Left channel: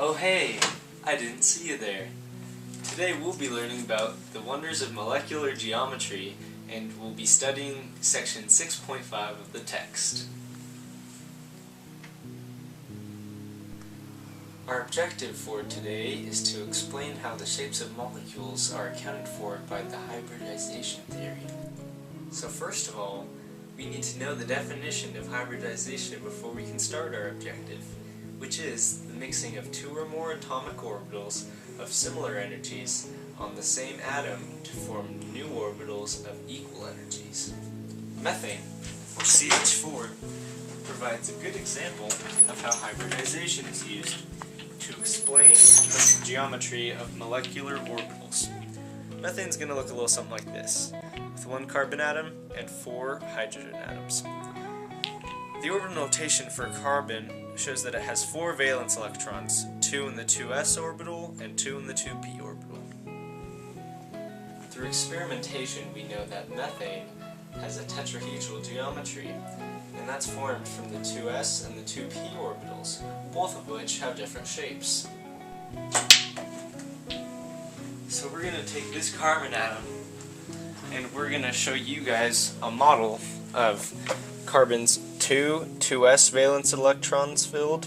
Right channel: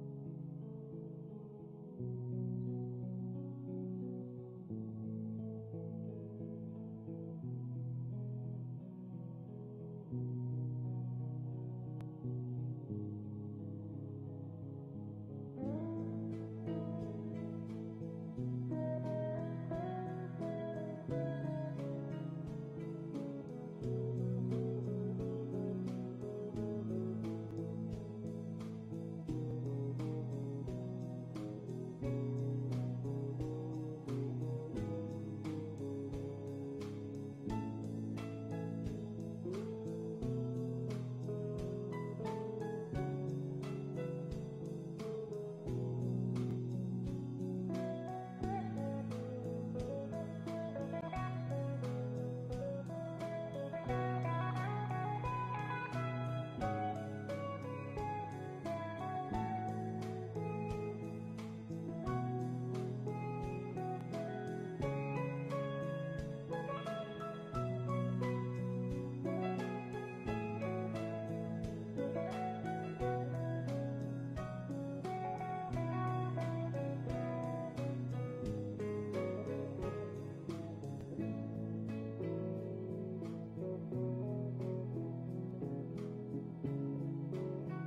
Oh hey, I didn't see you there. Today we'll be learning about the wonders of molecular geometry, and we'll be studying section 6.5 of the text. Our objective for today is to explain how the shapes of molecules are accounted for by the hybridization theory. So first of all, we need to know the definition of hybridization before we can start our objective, which is the mixing of two or more atomic orbitals of similar energies on the same atom to form new orbitals of equal energies. Methane, or CH4, provides a good example of how hybridization is used to explain the geometry of molecular orbitals. Methane's going to look a little something like this, with one carbon atom and four hydrogen atoms. The orbital notation for carbon shows that it has 4 valence electrons, 2 in the 2s orbital and 2 in the 2p orbital. Through experimentation, we know that methane has a tetrahedral geometry, and that's formed from the 2s and the 2p orbitals, both of which have different shapes. So we're going to take this carbon atom, and we're going to show you guys a model of carbon's 2s valence electrons filled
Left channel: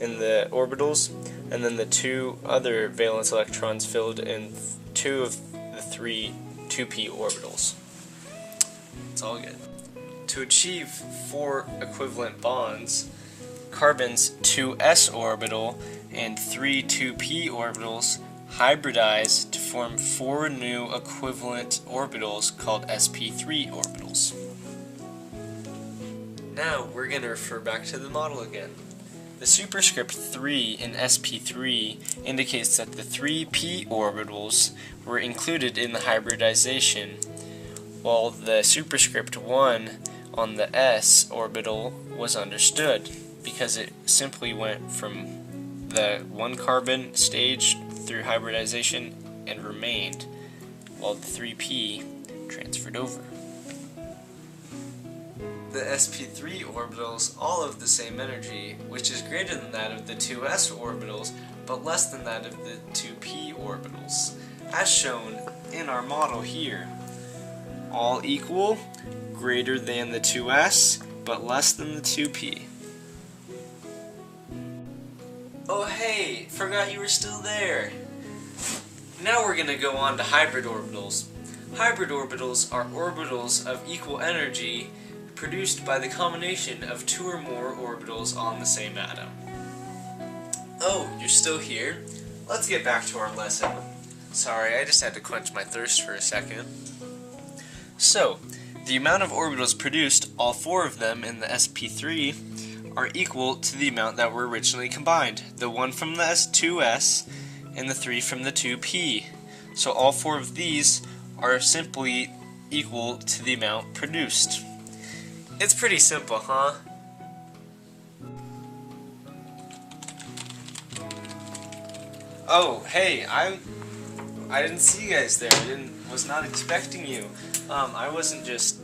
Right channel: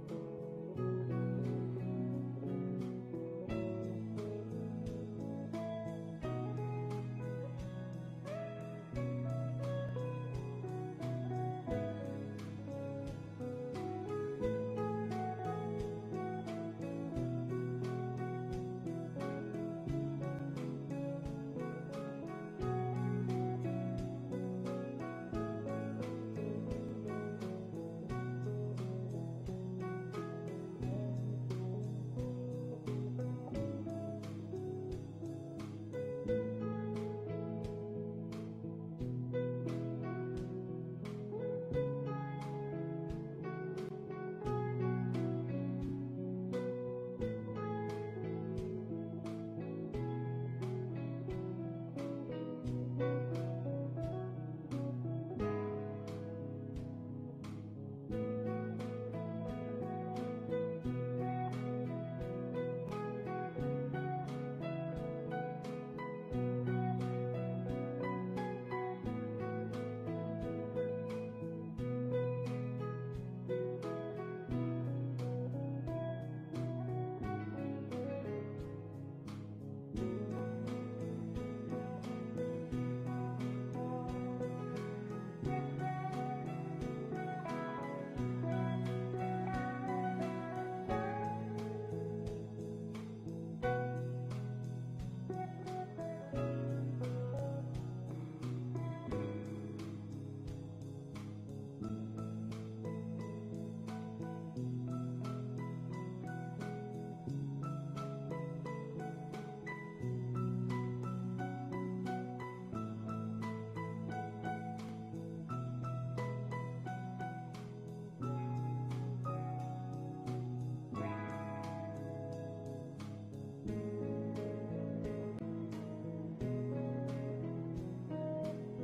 in the orbitals, and then the 2 other valence electrons filled in 2 of the 3 2p orbitals. It's all good. To achieve 4 equivalent bonds, carbon's 2s orbital and 3 2p orbitals hybridize to form 4 new equivalent orbitals called sp3 orbitals. Now we're going to refer back to the model again. The superscript 3 in sp3 indicates that the 3p orbitals were included in the hybridization, while the superscript 1 on the s orbital was understood, because it simply went from the 1 carbon stage through hybridization and remained, while the 3p transferred over. The sp3 orbitals all have the same energy, which is greater than that of the 2s orbitals, but less than that of the 2p orbitals, as shown in our model here. All equal, greater than the 2s, but less than the 2p. Oh hey, forgot you were still there. Now we're going to go on to hybrid orbitals. Hybrid orbitals are orbitals of equal energy produced by the combination of 2 or more orbitals on the same atom. Oh, you're still here? Let's get back to our lesson. Sorry, I just had to quench my thirst for a second. So, the amount of orbitals produced, all 4 of them in the sp3, are equal to the amount that were originally combined, the 1 from the 2s and the 3 from the 2p. So all 4 of these are simply equal to the amount produced. It's pretty simple, huh? Oh, hey, I didn't see you guys there. Was not expecting you. I wasn't just...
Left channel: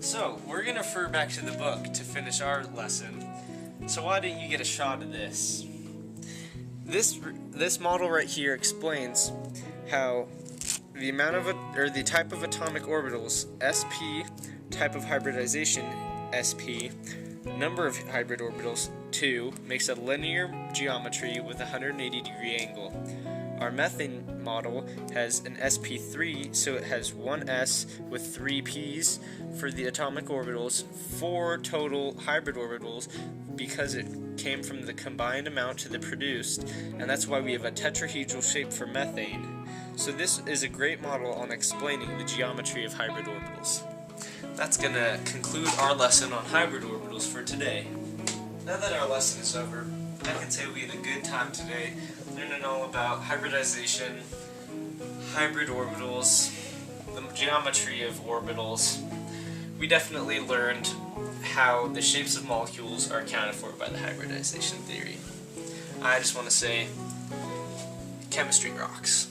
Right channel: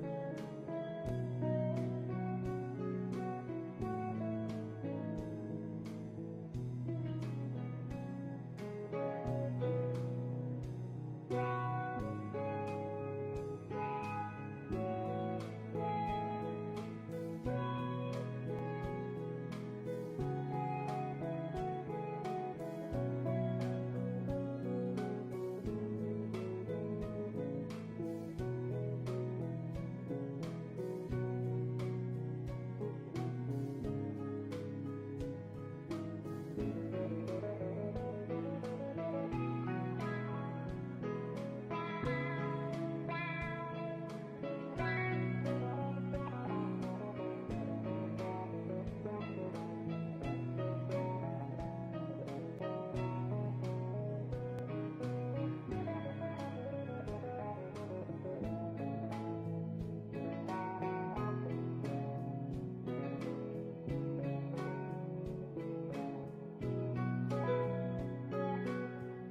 So, we're going to refer back to the book to finish our lesson. So why don't you get a shot of this? This model right here explains how the amount of the type of atomic orbitals, sp, type of hybridization, sp, number of hybrid orbitals, 2, makes a linear geometry with a 180-degree angle. Our methane model has an sp3, so it has 1s with 3 p's for the atomic orbitals, 4 total hybrid orbitals, because it came from the combined amount to the produced, and that's why we have a tetrahedral shape for methane. So this is a great model on explaining the geometry of hybrid orbitals. That's going to conclude our lesson on hybrid orbitals for today. Now that our lesson is over, I can say we had a good time today, learning all about hybridization, hybrid orbitals, the geometry of orbitals. We definitely learned how the shapes of molecules are accounted for by the hybridization theory. I just want to say, chemistry rocks.